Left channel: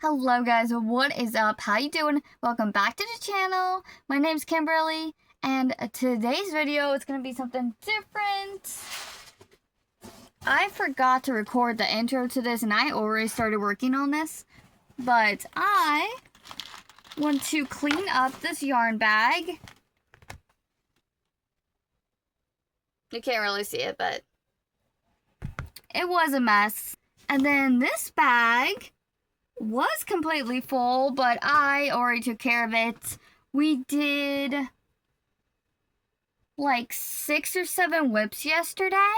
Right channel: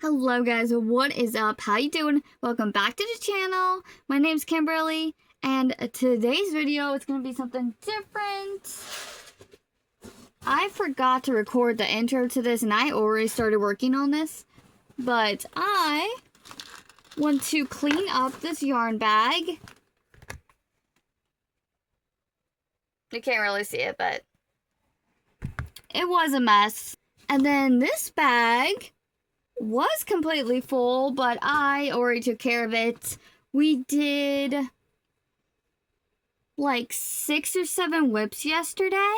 Hello guys, what is up? How you doing? Welcome back to the channel. My name's Kimberly, and today's video is going to be something different. I forgot to record the intro to this, and I already started working on this, but I want to clean up this yarn bag. You can't really see it, but it was a mess. And then this bag was completely full, but I already took care of it. We did like 6 or 7 whips yesterday,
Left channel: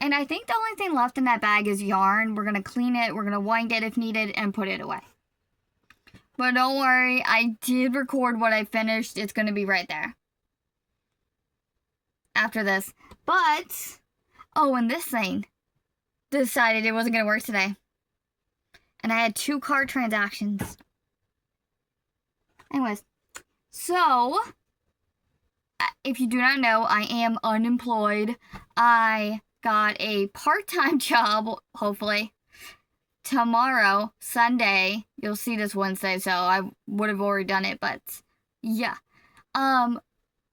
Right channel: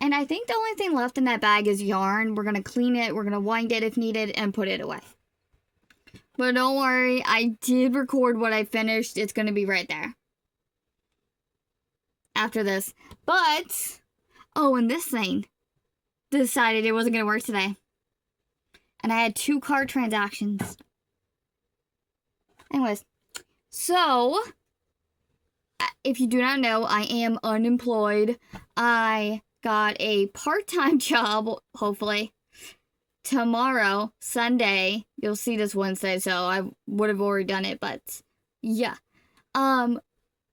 and I think the only thing left in that bag is yarn. We're gonna clean it, we're gonna wind it if needed, and put it away. But don't worry, I did record what I finished. It's gonna be right there after this. But, oh, and this thing decided it wasn't gonna work today. And I had 2 card transactions. Anyways, so, if you do not know, I am unemployed. I got a part-time job, hopefully, tomorrow, Sunday. You'll see this Wednesday, so I would have already done it, but yeah.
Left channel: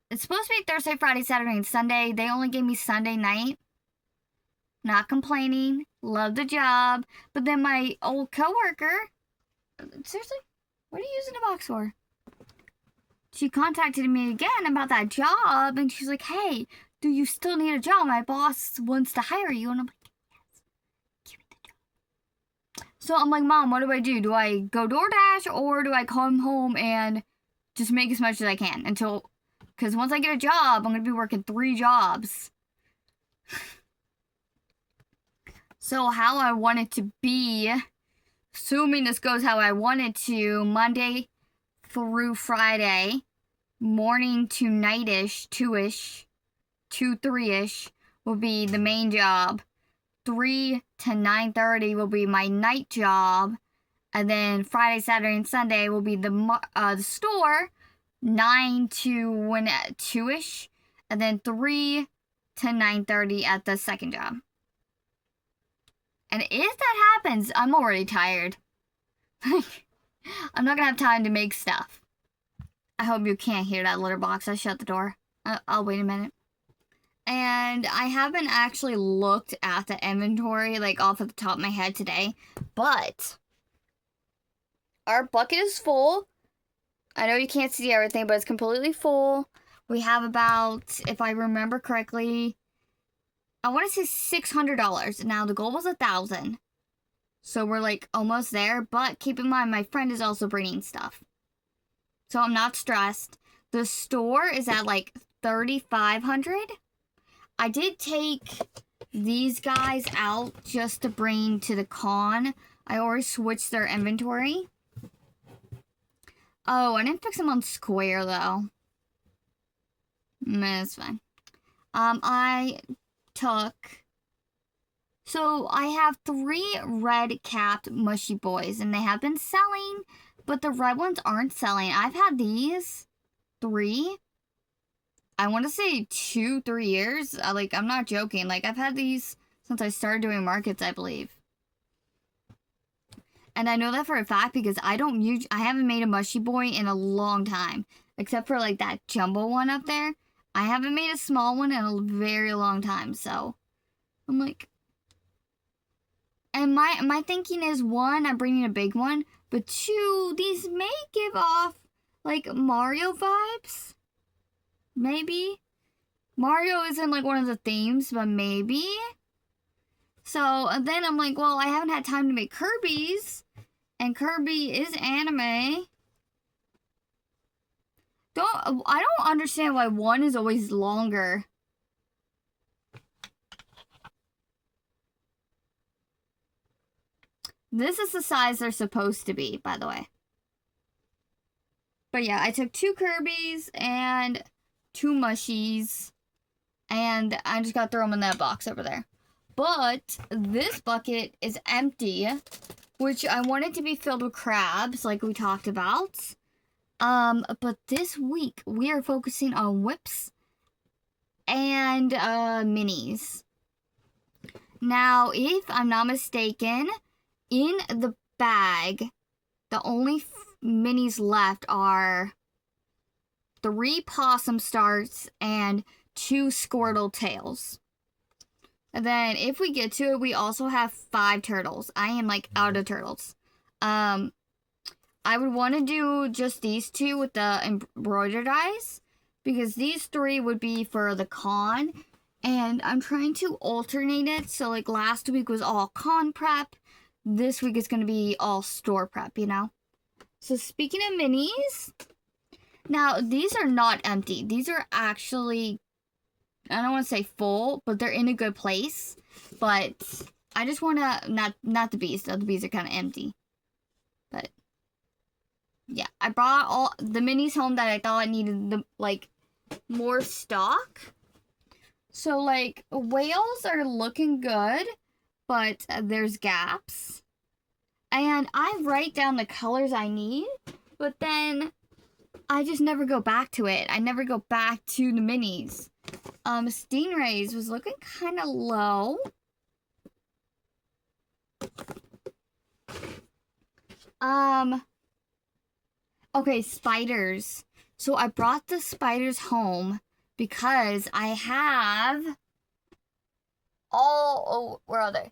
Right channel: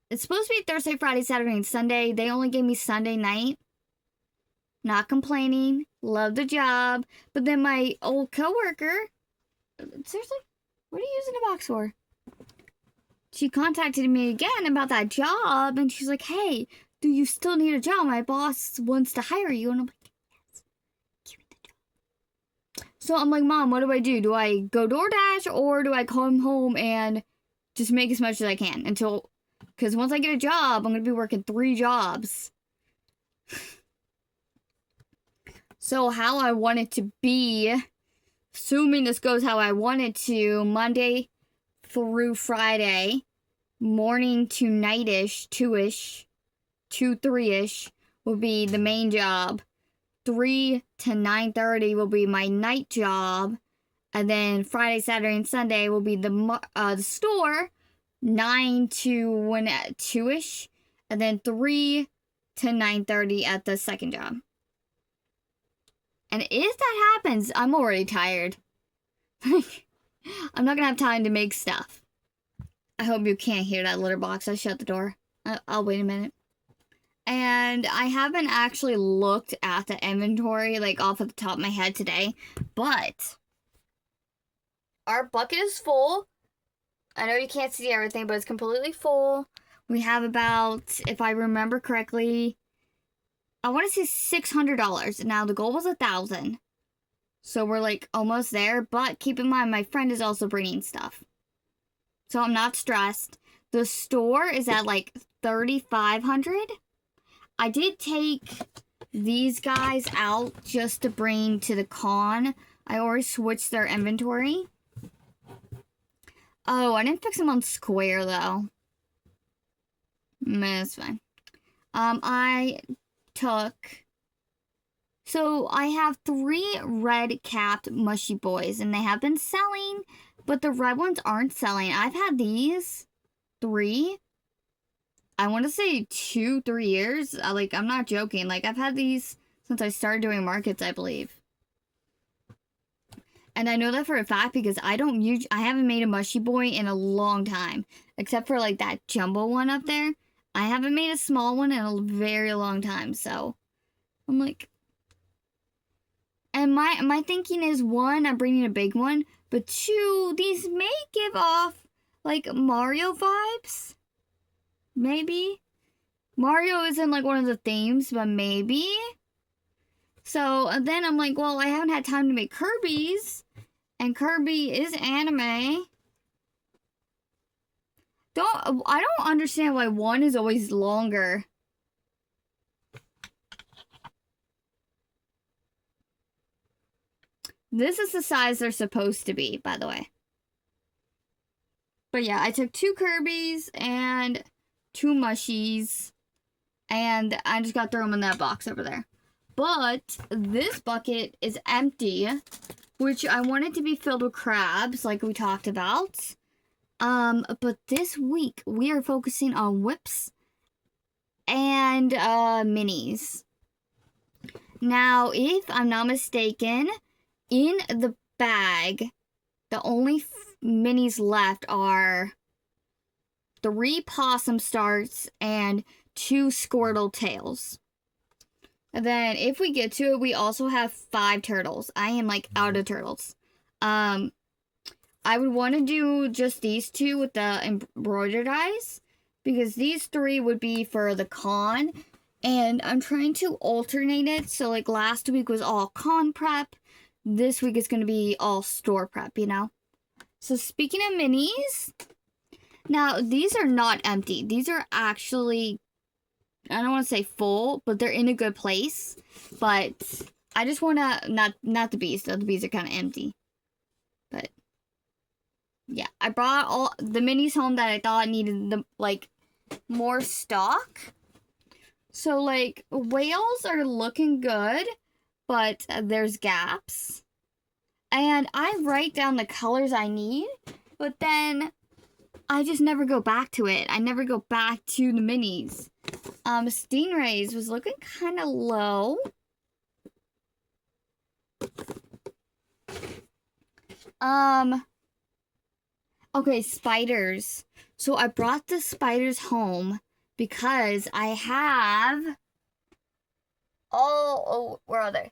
It's supposed to be Thursday, Friday, Saturday, and Sunday. They only gave me Sunday night. Not complaining. Love the job. But then my old coworker, seriously, what are you using a box for? She contacted me again about that job, and she's like, hey, do you still need a job? My boss wants to hire you. And I'm like, yes, give me the job. So I'm like, Mom, what do? Do I go DoorDash, or do I come home and just make as much as I can until, because once I get a job, I'm going to be working 3 jobs. So how I want it to be, assuming this goes how I want it to, Monday through Friday, morning to night-ish, 2-ish, 2, 3-ish will be the main job. 3 to 9:30 will be my night job. And then Friday, Saturday, and Sunday will be the store, 9 to 2-ish. And then 3 to 9:30 at the second job. And if that happens, I'm already tired. I'm not gonna have time to make stuff. I hope you can't hear that litter box. I shut the door. I'll wait a minute. And I haven't actually looked at the inventory, like, off of the top of my head today. But our bucket is full. I know you can't see everything, but it's completely full. We have about, if I remember correctly, I want to say $600. Now, the goal was $1,000. So we're like almost there. But keep in mind, my friend is also bringing stuff. So I'm not stressed. The store is at like $3,500. I did take these guys out just to bring to the con. I already switched their inventory. Oh, I didn't fix them on Square though. It's fine. I have 3 red-capped mushy boys, and they have been selling, but the red ones aren't selling. I've had these 3, I want to say 2, 3 years. I'm not joking. Like, I've had these since I started doing markets, I believe. And I know that for a fact because I haven't made a mushy boy in a long time, except for like that jumbo one up there. I haven't made a small one in a very long time, so I'm like, and my thinking is, 1, I'm bringing a big one, but 2, these may give off like Mario vibes. Maybe. Mario isn't like one of the themes, but maybe. So then I'm like, well, I haven't had time to make Kirby's, and Kirby is anime. I don't understand why 1 is always longer. This is the size they're supposed to be, by the way. But yeah, I took 2 Kirby's and 2 mushies, and I just gotta throw them in that box over there. But this bucket is empty, which I wanted to be filled with crabs, like we talked about. But this week, we are focusing on whips and minis. Now, if I'm not mistaken, in the bag the only minis left are 3 Possum Starts and 2 Squirtle Tails. And then if we get to it, we also have 5 turtles. I am like out of turtles. I would want to do just these 2 with the embroidered eyes, because these 3 would be for the con. And I'm trying to alternate it. So like last week was all con prep. This week is going to be all store prep, you know? So speaking of minis, now these are not empty. These are actually, I don't want to say full, but they're in a good place. But I just want to, not the bees, though. The bees are kind of empty. But yeah, I brought all the minis home that I thought needed the, like, more stock. So like whales are looking good, but there's gaps. And I write down the colors I need, but then I just never go back to it. I never go back to the minis. Stingrays was looking kind of low. Okay, spiders. So I brought the spiders home because I have... Oh, where are they?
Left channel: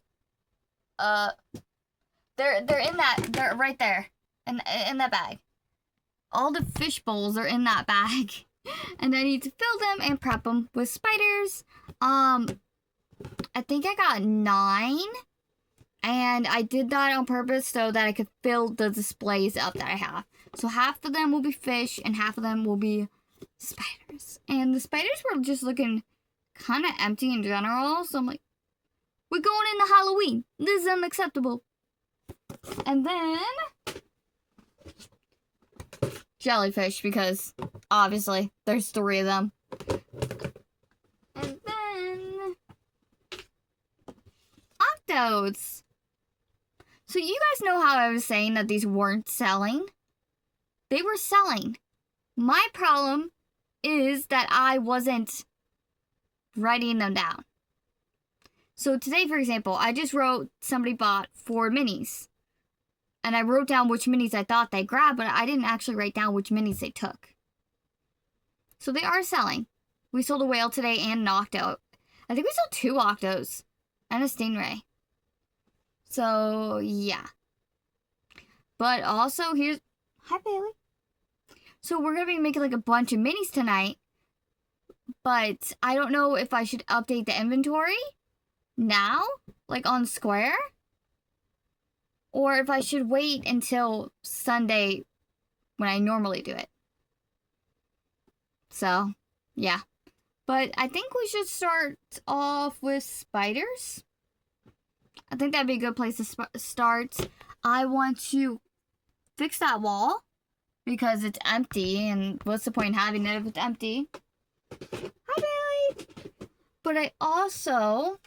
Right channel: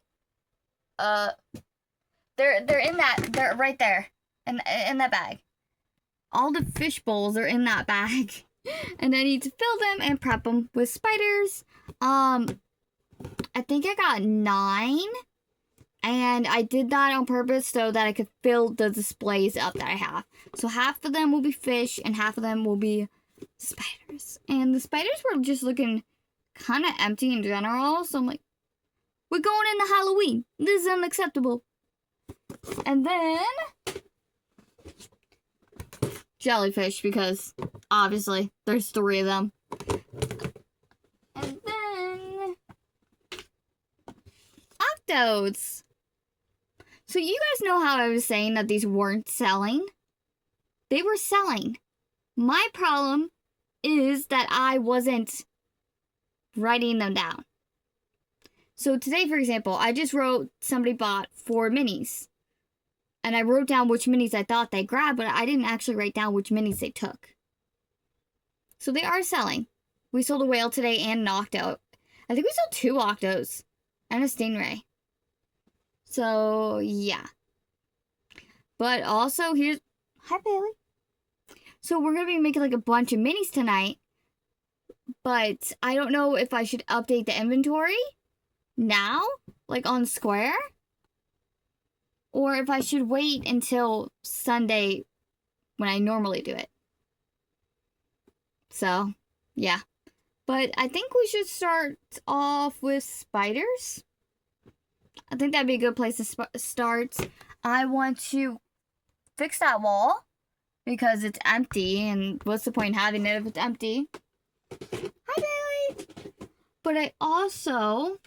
They're in that, they're right there, in that bag. All the fish bowls are in that bag. And I need to fill them and prep them with spiders. I think I got 9. And I did that on purpose so that I could fill the displays up that I have. So half of them will be fish and half of them will be spiders. And the spiders were just looking kind of empty in general. So I'm like, we're going into Halloween. This is unacceptable. And then jellyfish, because obviously there's 3 of them. And then octos. So you guys know how I was saying that these weren't selling? They were selling. My problem is that I wasn't writing them down. So today, for example, I just wrote somebody bought 4 minis. And I wrote down which minis I thought they grabbed, but I didn't actually write down which minis they took. So they are selling. We sold a whale today and an octo. I think we sold 2 octos and a stingray. So, yeah. But also, here's... Hi, Bailey. So we're going to be making like a bunch of minis tonight. But I don't know if I should update the inventory now, like on Square, or if I should wait until Sunday when I normally do it. So, yeah. But I think we should start off with spiders. I think that'd be a good place to start. I want to fix that wall because it's empty, and what's the point in having it if it's empty? Hi, Bailey! But I also...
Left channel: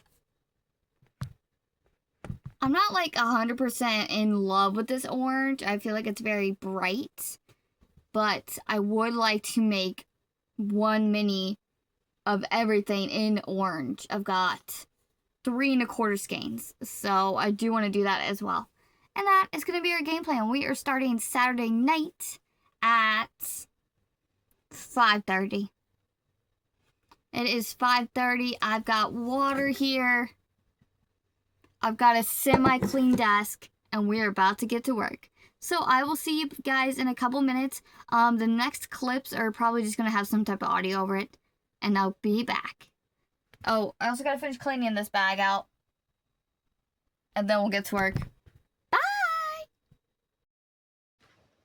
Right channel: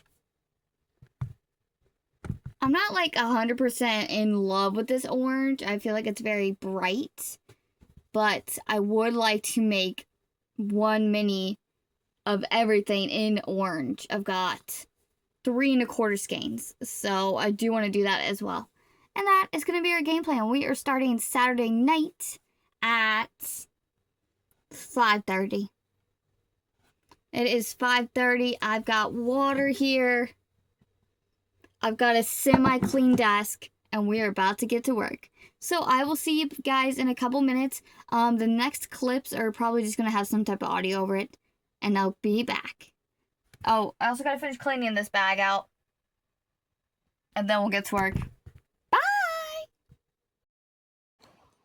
I'm not like 100% in love with this orange. I feel like it's very bright. But I would like to make 1 mini of everything in orange. I've got 3 1/4 skeins. So I do want to do that as well. And that is going to be our game plan. We are starting Saturday night at 5:30. It is 5:30. I've got water here. I've got a semi-clean desk, and we're about to get to work. So I will see you guys in a couple minutes. The next clips are probably just going to have some type of audio over it, and I'll be back. Oh, I also got to finish cleaning this bag out, and then we'll get to work. Bye!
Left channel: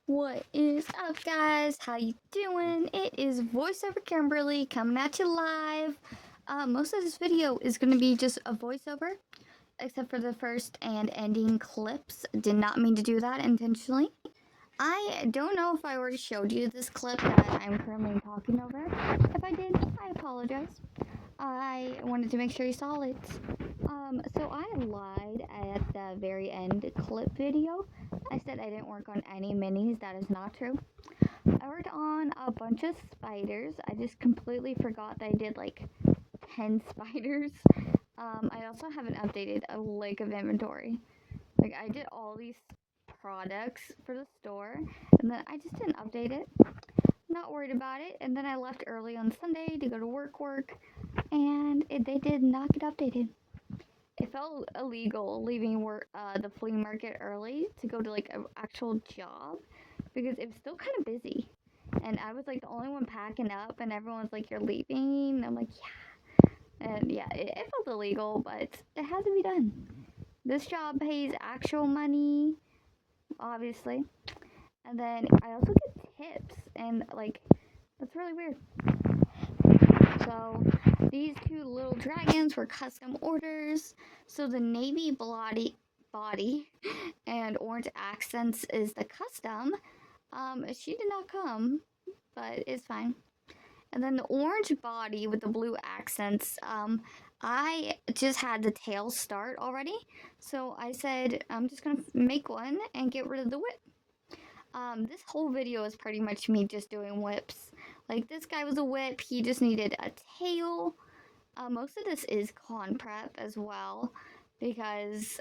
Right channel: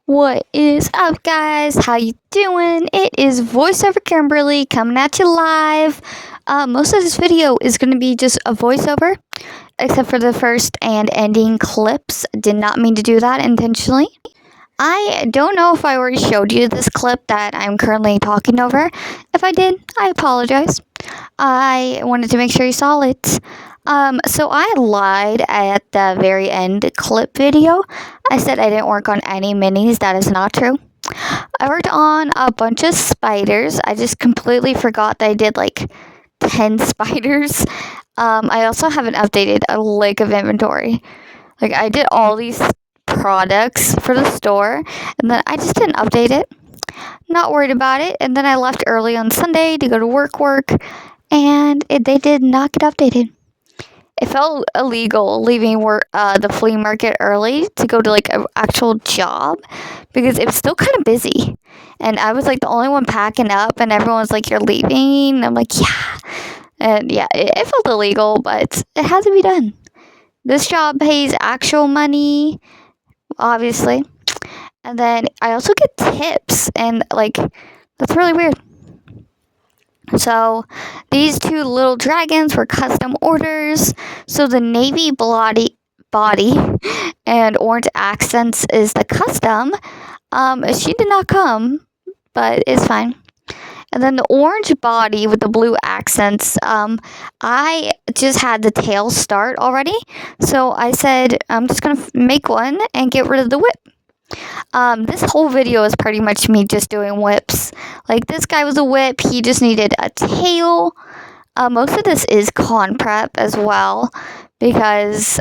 What is up, guys? How you doing? It is VoiceOver Kimberly coming at you live. Most of this video is going to be just a voiceover, except for the first and ending clips. Did not mean to do that intentionally. I don't know if I already showed you this clip that I'm currently talking over. If I did, I apologize. I wanted to make sure you saw it. So I lied at the very end clip video. I said I didn't work on any minis. That is not true. I worked on a bunch of spiders. I just completely forgot that I did like 10 spiders. I also haven't updated a lick of inventory. Like, I did all these products for the store, and then I just didn't update it. Not worried about it. And then I left early on Sunday to go to work, and they did not get updated. It felt illegal leaving the flea market early to go to like an actual job because it was still kind of busy. And I was like the only one packing up, and everyone was like, "You're leaving?" And I'm like, "Yeah." And yeah, it felt illegal, but it had to be done. This job pays actual money, obviously. And then I also get tips, and like, that's really weird. So these two little dragons were custom orders. So the navy body and orange accents is the custom. She did not come, but it's fine. And then the orange body with the blue accents, I just had the tail start already. So I said, I'm just going to make one and get rid of the whip. This whole video is pretty much me just doing whips. Like, this guy was a whip. He just needed a tail. Most of this is con prep as well, because,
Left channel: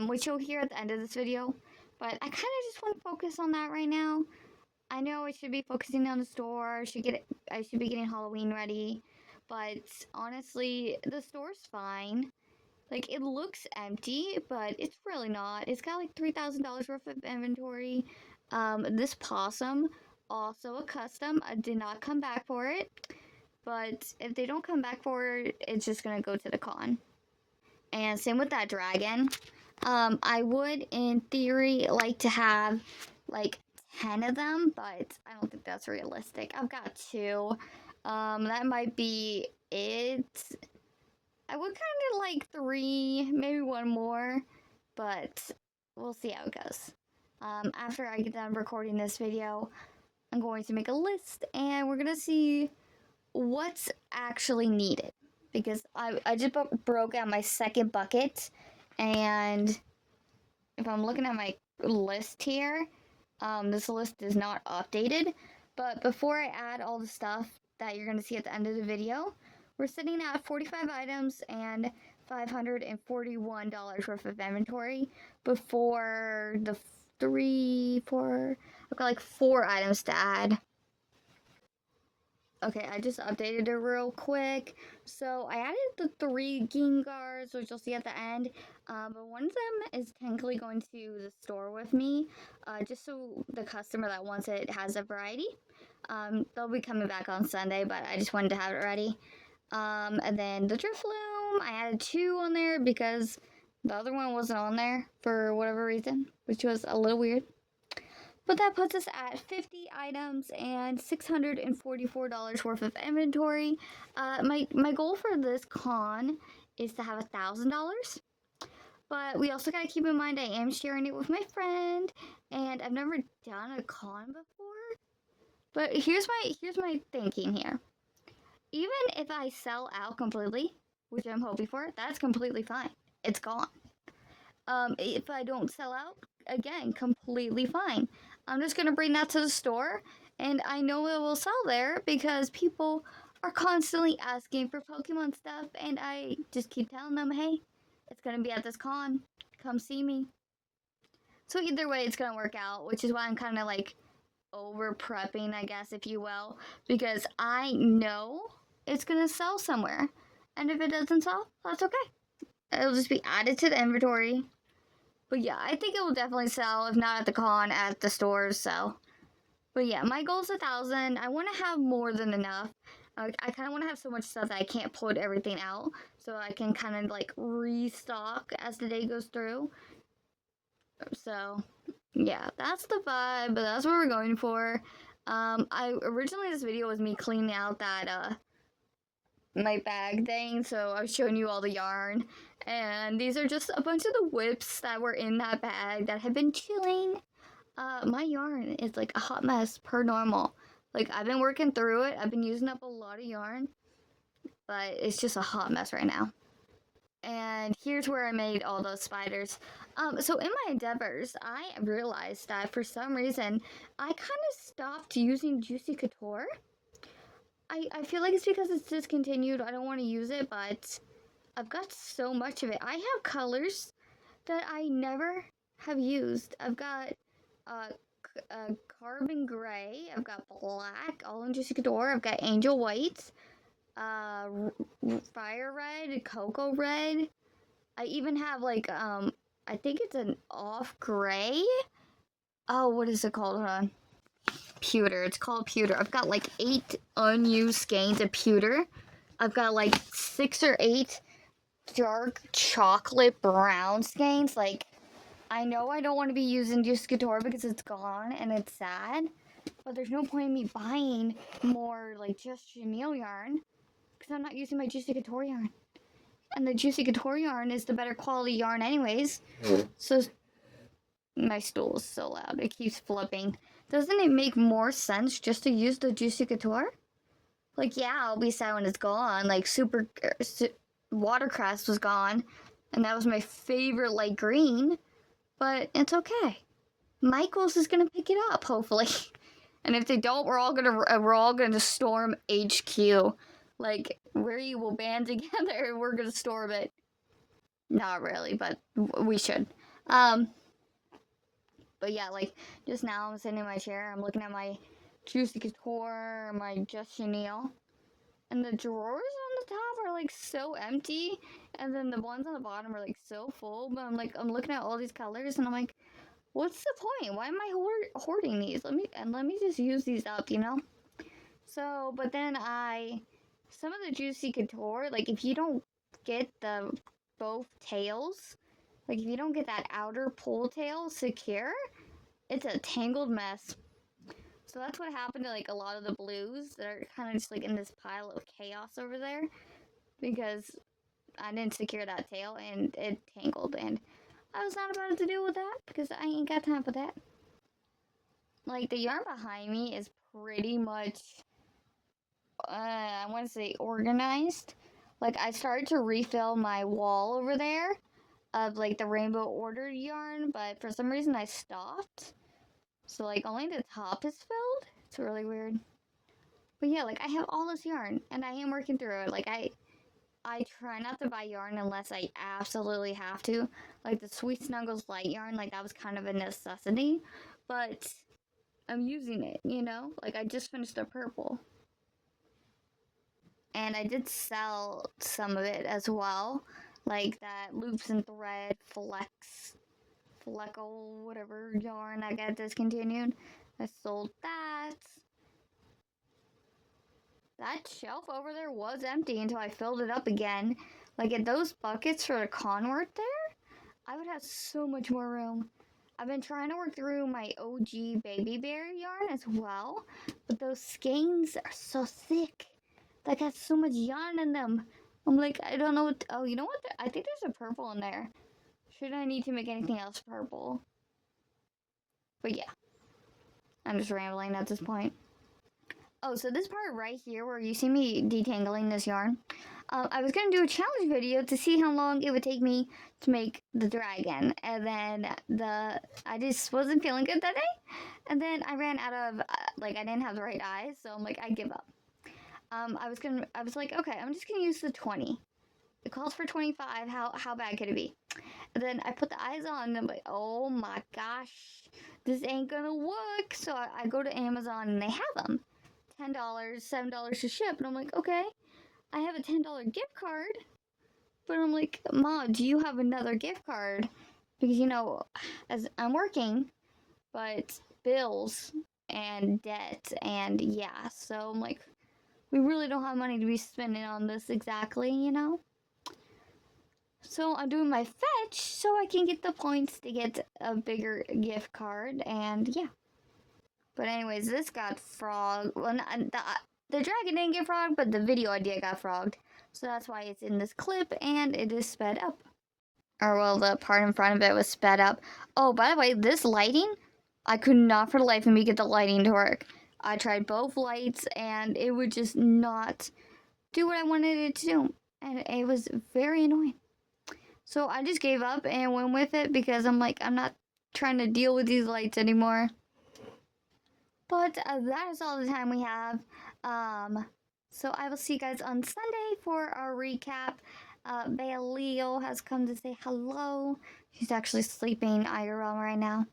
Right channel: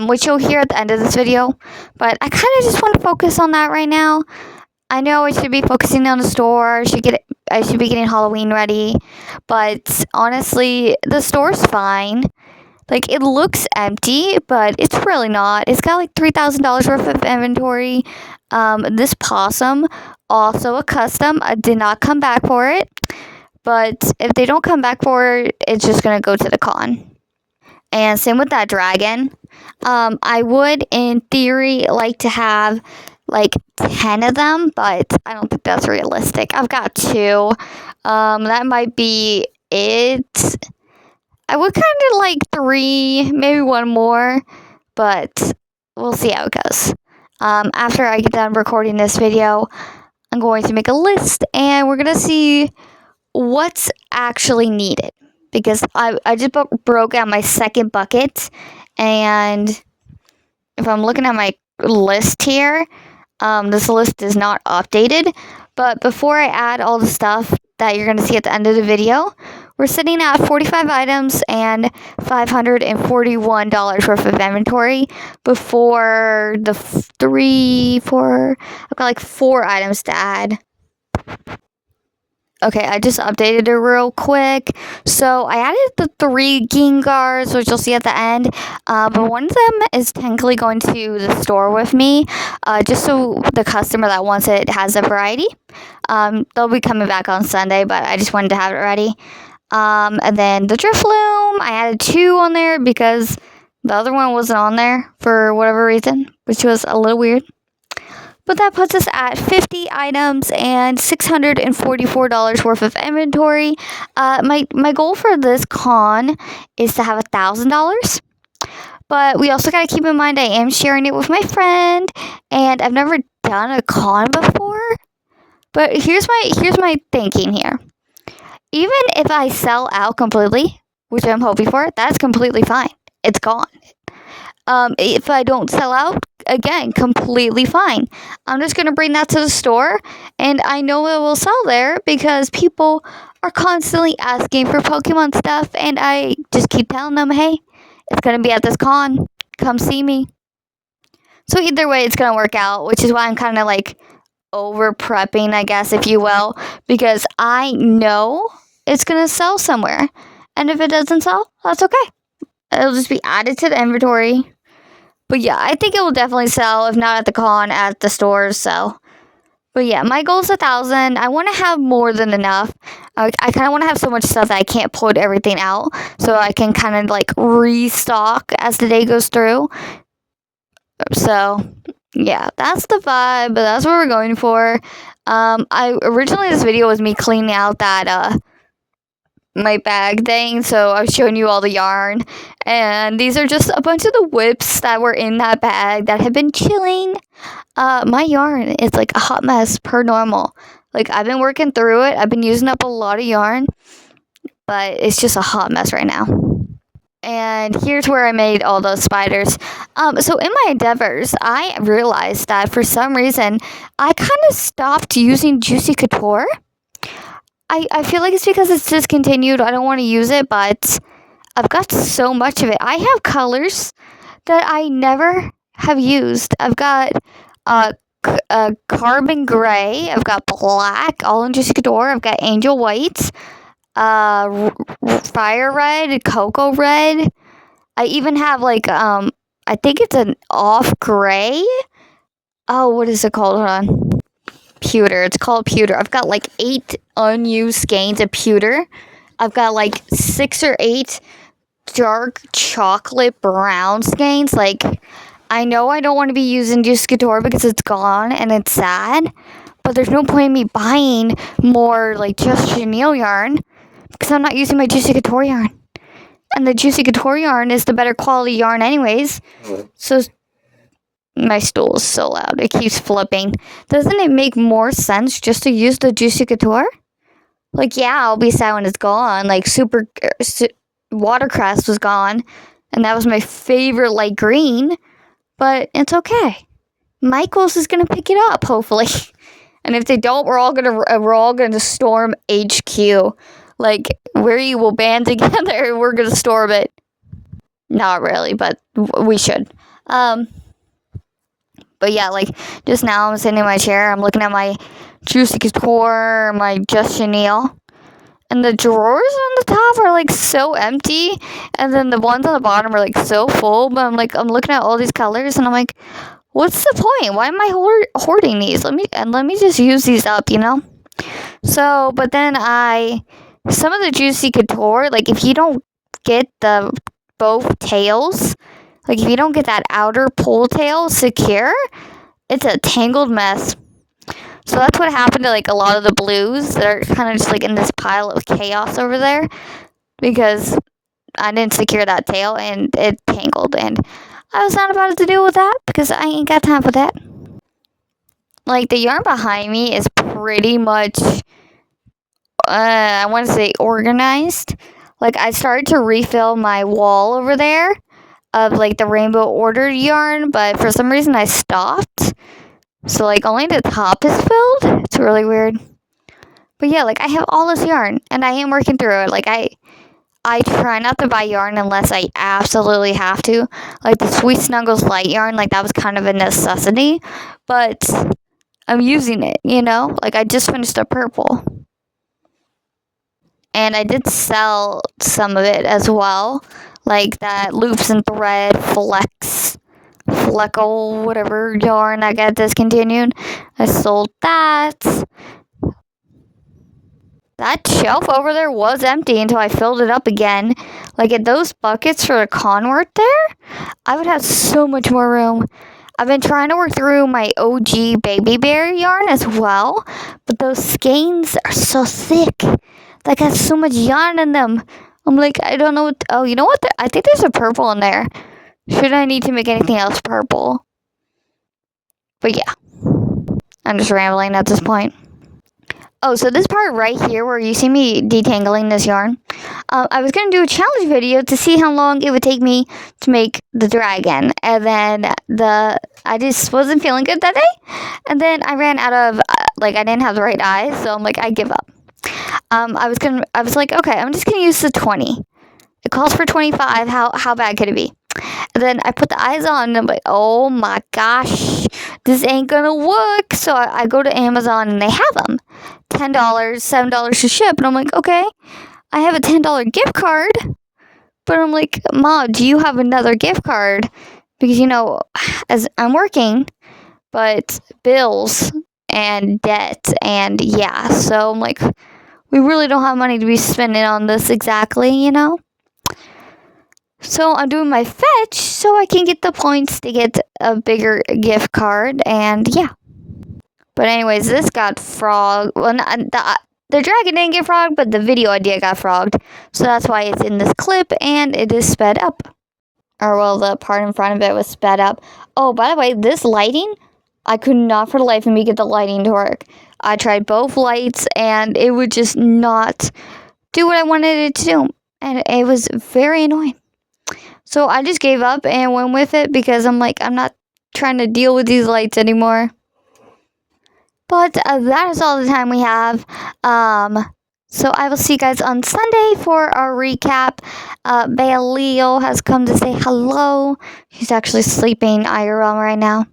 which you'll hear at the end of this video. But I kind of just want to focus on that right now. I know I should be focusing on the store. I should be getting Halloween ready. But honestly, the store's fine. Like, it looks empty, but it's really not. It's got like $3,000 worth of inventory. This possum, also a custom. I did not come back for it. But if they don't come back for it, it's just going to go to the con. And same with that dragon. I would, in theory, like to have like 10 of them, but I don't think that's realistic. I've got 2. That might be it. I would kind of like 3, maybe 1 more, but we'll see how it goes. After I get done recording this video, I'm going to make a list, and we're going to see what's actually needed. Because I just broke out my second bucket, and if I'm looking at my list here, this list is not updated. But before I add all the stuff that you're going to see at the end of the video, we're sitting at 45 items and $541 worth of inventory before the 4, I've got like 4 items to add. Okay, I just updated it real quick. So I added the 3 Gengars, which you'll see at the end. But one of them is technically going to the store with me, just so the customer that wants it has a variety. They'll be coming back on Sunday, but I just wanted to have it ready. And then the Drifloon, I added 2 on there because the other one wasn't on there for whatever reason, which was a little weird. But that puts us at 50 items and $644 worth of inventory. My goal for this con is to have $1,000. But we also got to keep in mind I am sharing it with my friend, and I've never done a con before. But here's my thinking here. Even if I sell out completely, which I'm hoping for, that's completely fine. It's gone. If I don't sell out, again, completely fine. I'm just going to bring that to the store, and I know it will sell there because people are constantly asking for Pokemon stuff, and I just keep telling them, hey, it's going to be at this con. Come see me. So either way, it's going to work out, which is why I'm kind of like over prepping, I guess, if you will, because I know it's going to sell somewhere. And if it doesn't sell, that's okay. It'll just be added to the inventory. But yeah, I think it will definitely sell, if not at the con, at the stores, so. But yeah, my goal is 1,000. I want to have more than enough. I kind of want to have so much stuff that I can't put everything out, so I can kind of like restock as the day goes through. So yeah, that's the vibe, but that's what we're going for. Originally this video was me cleaning out that, my bag thing, so I was showing you all the yarn, and these are just a bunch of the whips that were in that bag that have been chilling. My yarn is like a hot mess per normal. Like, I've been working through it, I've been using up a lot of yarn, but it's just a hot mess right now. And here's where I made all those spiders. So in my endeavors, I realized that for some reason I kind of stopped using Juicy Couture. I feel like it's because it's discontinued. I don't want to use it, but I've got so much of it. I have colors that I never have used. I've got carbon gray. I've got black, all in Juicy Couture. I've got angel white, fire red, cocoa red. I even have like I think it's an off gray. Oh, what is it called? Hold on. Pewter. It's called pewter. I've got like 8 unused skeins of pewter. I've got like 6 or 8 dark chocolate brown skeins. Like, I know I don't want to be using Juicy Couture because it's gone and it's sad, but there's no point in me buying more like Just Chenille yarn because I'm not using my Juicy Couture yarn. And the Juicy Couture yarn is the better quality yarn anyways. So my stool is so loud. It keeps flipping. Doesn't it make more sense just to use the Juicy Couture? Like, yeah, I'll be sad when it's gone. Like, Watercress was gone. And that was my favorite light green. But it's okay. Michaels is going to pick it up, hopefully. And if they don't, we're all gonna storm HQ. Like, we will band together and we're going to storm it. Not really, but we should. But yeah, like, just now I'm sitting in my chair, I'm looking at my Juicy Couture, my Just Chenille, and the drawers on the top are, like, so empty, and then the ones on the bottom are, like, so full, but I'm looking at all these colors, and I'm like, what's the point? Why am I hoarding these? Let me just use these up, you know? So, but then some of the Juicy Couture, like, if you don't get both tails, like, if you don't get that outer pull tail secure, it's a tangled mess. So that's what happened to, like, a lot of the blues that are kind of just, like, in this pile of chaos over there. Because I didn't secure that tail, and it tangled. And I was not about to deal with that, because I ain't got time for that. Like, the yarn behind me is pretty much, I want to say organized. Like, I started to refill my wall over there of, like, the Rainbow Order yarn, but for some reason I stopped. So, like, only the top is filled. It's really weird. But yeah, like, I have all this yarn, and I am working through it. Like, I try not to buy yarn unless I absolutely have to. Like, the Sweet Snuggles light yarn, like, that was kind of a necessity. But I'm using it, you know? Like, I just finished a purple. And I did sell some of it as well. Like that Loops and Thread Fleckle, whatever yarn that got discontinued. I sold that. That shelf over there was empty until I filled it up again. Like, at those buckets for the convert there, I would have so much more room. I've been trying to work through my OG Baby Bear yarn as well, but those skeins are so thick. They got so much yarn in them. I'm like, I don't know what... Oh, you know what? I think there's a purple in there. Should I need to make anything else purple? But yeah. I'm just rambling at this point. Oh, so this part right here where you see me detangling this yarn, I was going to do a challenge video to see how long it would take me to make the dragon. And then I just wasn't feeling good that day. And then I ran out of, I didn't have the right eyes. So I'm like, I give up. I was like, okay, I'm just gonna use the 20. It calls for 25. How bad could it be? And then I put the eyes on, and I'm like, oh my gosh, this ain't gonna work. So I go to Amazon, and they have them, $10, $7 to ship, and I'm like, okay, I have a $10 gift card, but I'm like, Mom, do you have another gift card? Because as I'm working, but bills and debt, and yeah, so I'm like, we really don't have money to be spending on this exactly, So I'm doing my fetch so I can get the points to get a bigger gift card, and yeah. But anyways, this got frogged. Well, the dragon didn't get frogged, but the video idea got frogged. So that's why it's in this clip, and it is sped up. Or, well, the part in front of it was sped up. Oh, by the way, this lighting, I could not for the life of me get the lighting to work. I tried both lights, and it would just not do what I wanted it to do. And it was very annoying. So I just gave up and went with it because I'm like, I'm not trying to deal with these lights anymore. But that is all the time we have. So I will see you guys on Sunday for our recap. Leo has come to say hello. He's actually sleeping IRL right now.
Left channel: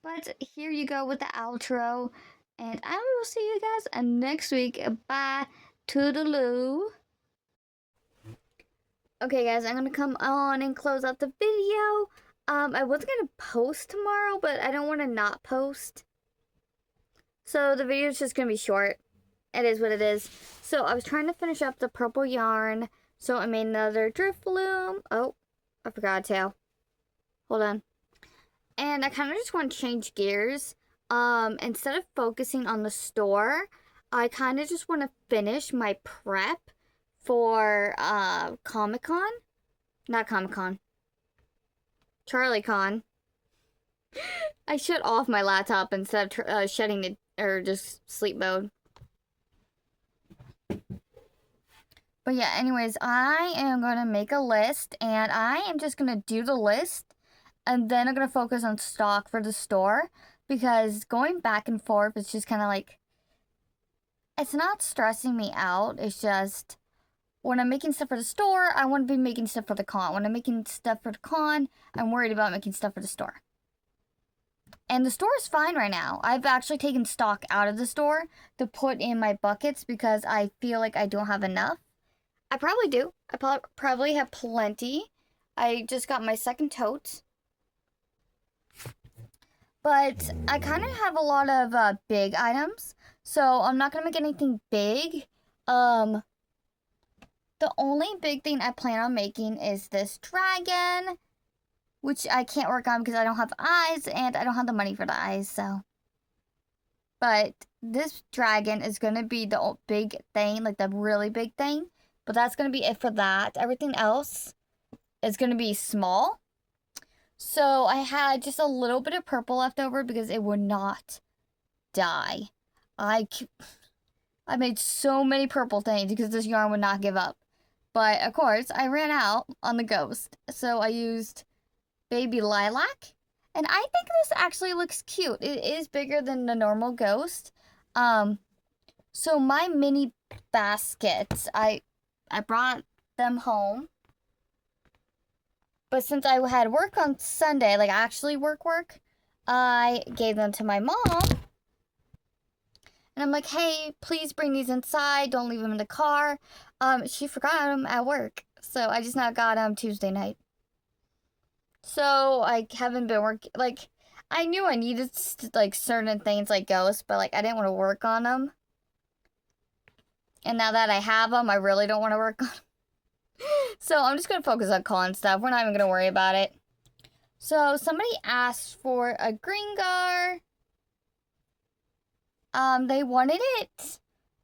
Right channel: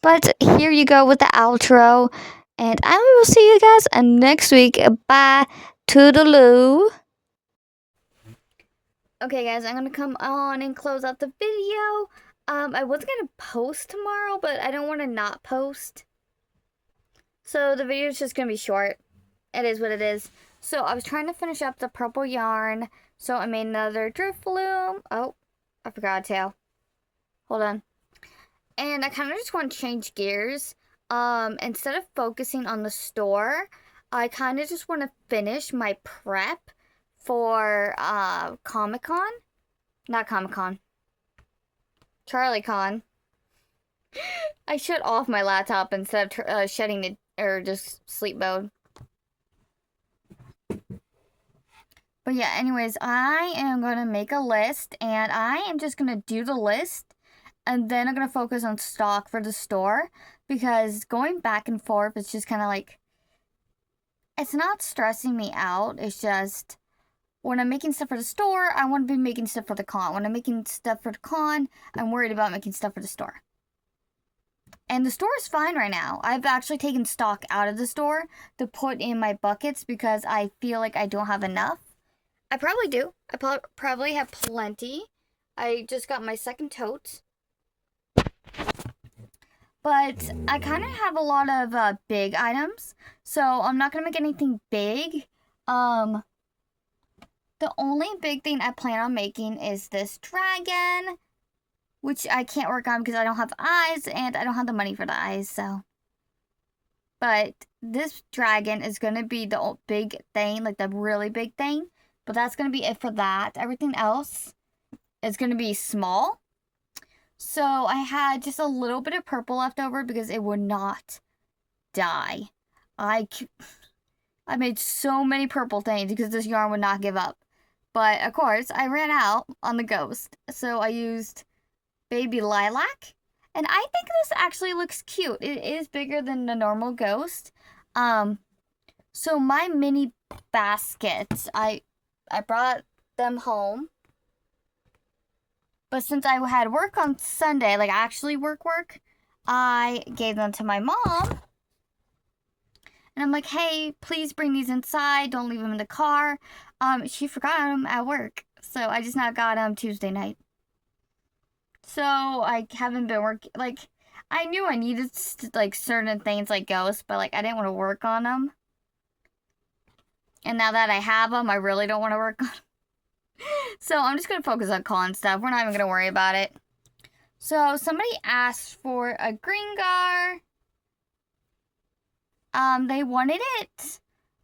But here you go with the outro. And I will see you guys next week. Bye. Toodaloo. Okay, guys, I'm gonna come on and close out the video. I was gonna post tomorrow, but I don't want to not post. So the video is just gonna be short. It is what it is. So I was trying to finish up the purple yarn. So I made another drift loom. Oh, I forgot to. Hold on. And I kind of just want to change gears. Instead of focusing on the store, I kind of just want to finish my prep for Comic-Con. Not Comic-Con. CharlieCon. I shut off my laptop instead of shutting it, or just sleep mode. But yeah, anyways, I am going to make a list, and I am just going to do the list, and then I'm going to focus on stock for the store, because going back and forth is just kind of like, it's not stressing me out. It's just, when I'm making stuff for the store, I want to be making stuff for the con. When I'm making stuff for the con, I'm worried about making stuff for the store. And the store is fine right now. I've actually taken stock out of the store to put in my buckets because I feel like I don't have enough. I probably do. I probably have plenty. I just got my second tote. But I kind of have a lot of big items. So I'm not going to make anything big. The only big thing I plan on making is this dragon, which I can't work on because I don't have eyes and I don't have the money for the eyes, so. But this dragon is going to be the big thing, like the really big thing. But that's going to be it for that. Everything else is going to be small. So I had just a little bit of purple left over because it would not die. I made so many purple things because this yarn would not give up. But, of course, I ran out on the ghost. So I used Baby Lilac. And I think this actually looks cute. It is bigger than the normal ghost. So my mini baskets, I brought them home. But since I had work on Sunday, like actually work, I gave them to my mom. And I'm like, hey, please bring these inside. Don't leave them in the car. She forgot them at work. So I just now got them Tuesday night. So I haven't been working. Like, I knew I needed like certain things like ghosts, but like I didn't want to work on them. And now that I have them, I really don't want to work on them. So I'm just going to focus on con stuff. We're not even going to worry about it. So somebody asked for a Gringar. They wanted it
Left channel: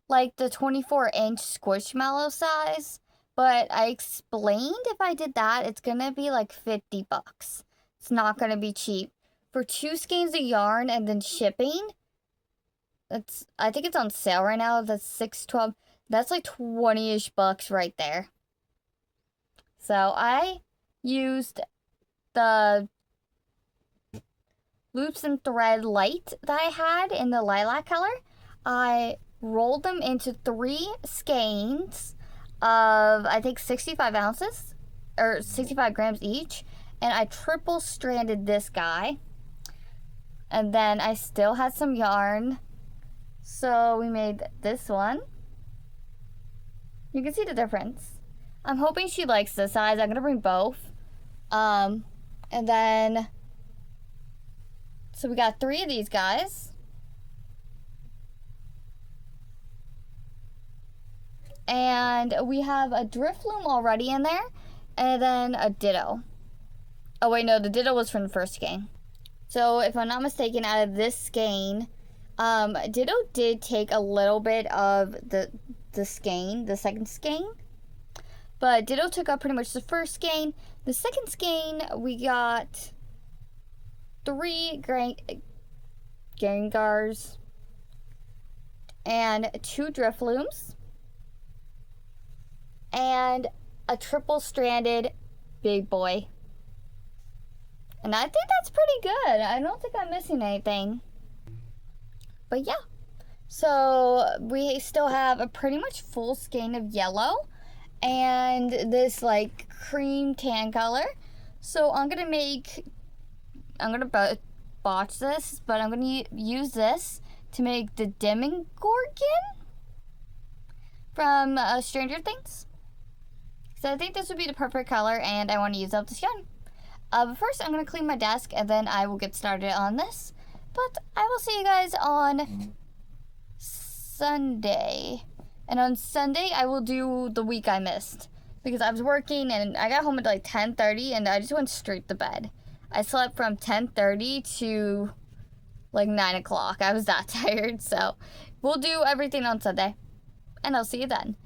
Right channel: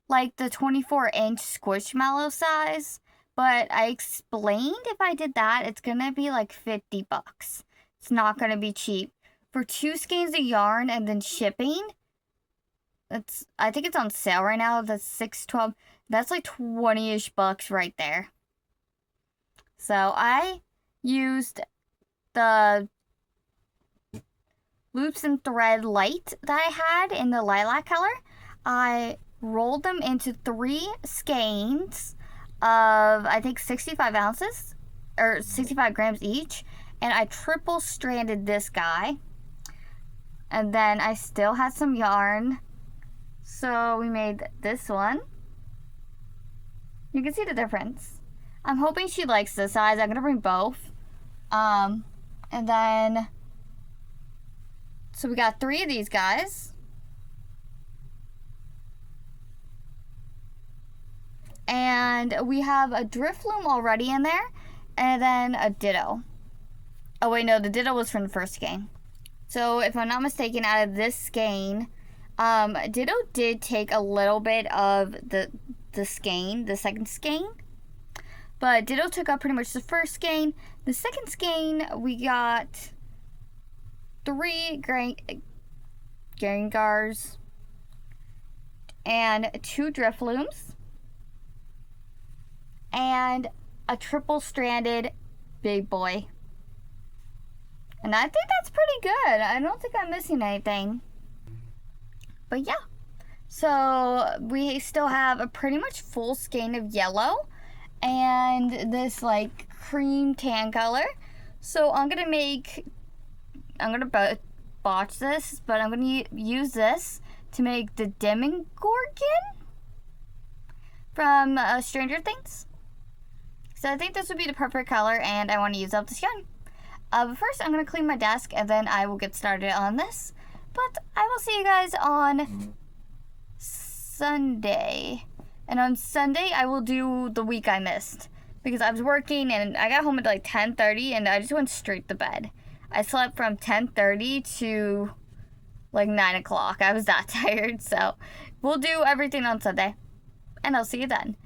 like the 24-inch Squishmallow size. But I explained if I did that, it's going to be like $50. It's not going to be cheap. For 2 skeins of yarn and then shipping, I think it's on sale right now. That's $6.12. That's like 20-ish bucks right there. So I used the loops and thread light that I had in the lilac color. I rolled them into 3 skeins of, I think, 65 ounces or 65 grams each. And I triple stranded this guy. And then I still had some yarn. So we made this one. You can see the difference. I'm hoping she likes this size. I'm going to bring both. And then, so we got 3 of these guys. And we have a drift loom already in there. And then a ditto. Oh wait, no, the ditto was from the first skein. So if I'm not mistaken, out of this skein, Ditto did take a little bit of the skein, the second skein. But Ditto took up pretty much the first skein. The second skein, we got 3 Gringars and 2 drift looms and a triple stranded big boy. And I think that's pretty good. I don't think I'm missing anything. But yeah. So we still have a pretty much full skein of yellow and this like cream tan color. So I'm gonna botch this, but I'm gonna use this to make the Demogorgon from Stranger Things. So I think this would be the perfect color, and I want to use up the skin. But first, I'm going to clean my desk, and then I will get started on this. But I will see you guys on Sunday. And on Sunday, I will do the week I missed. Because I was working, and I got home at like 10:30, and I just went straight to bed. I slept from 10:30 to like 9 o'clock. I was that tired, so we'll do everything on Sunday. And I'll see you then.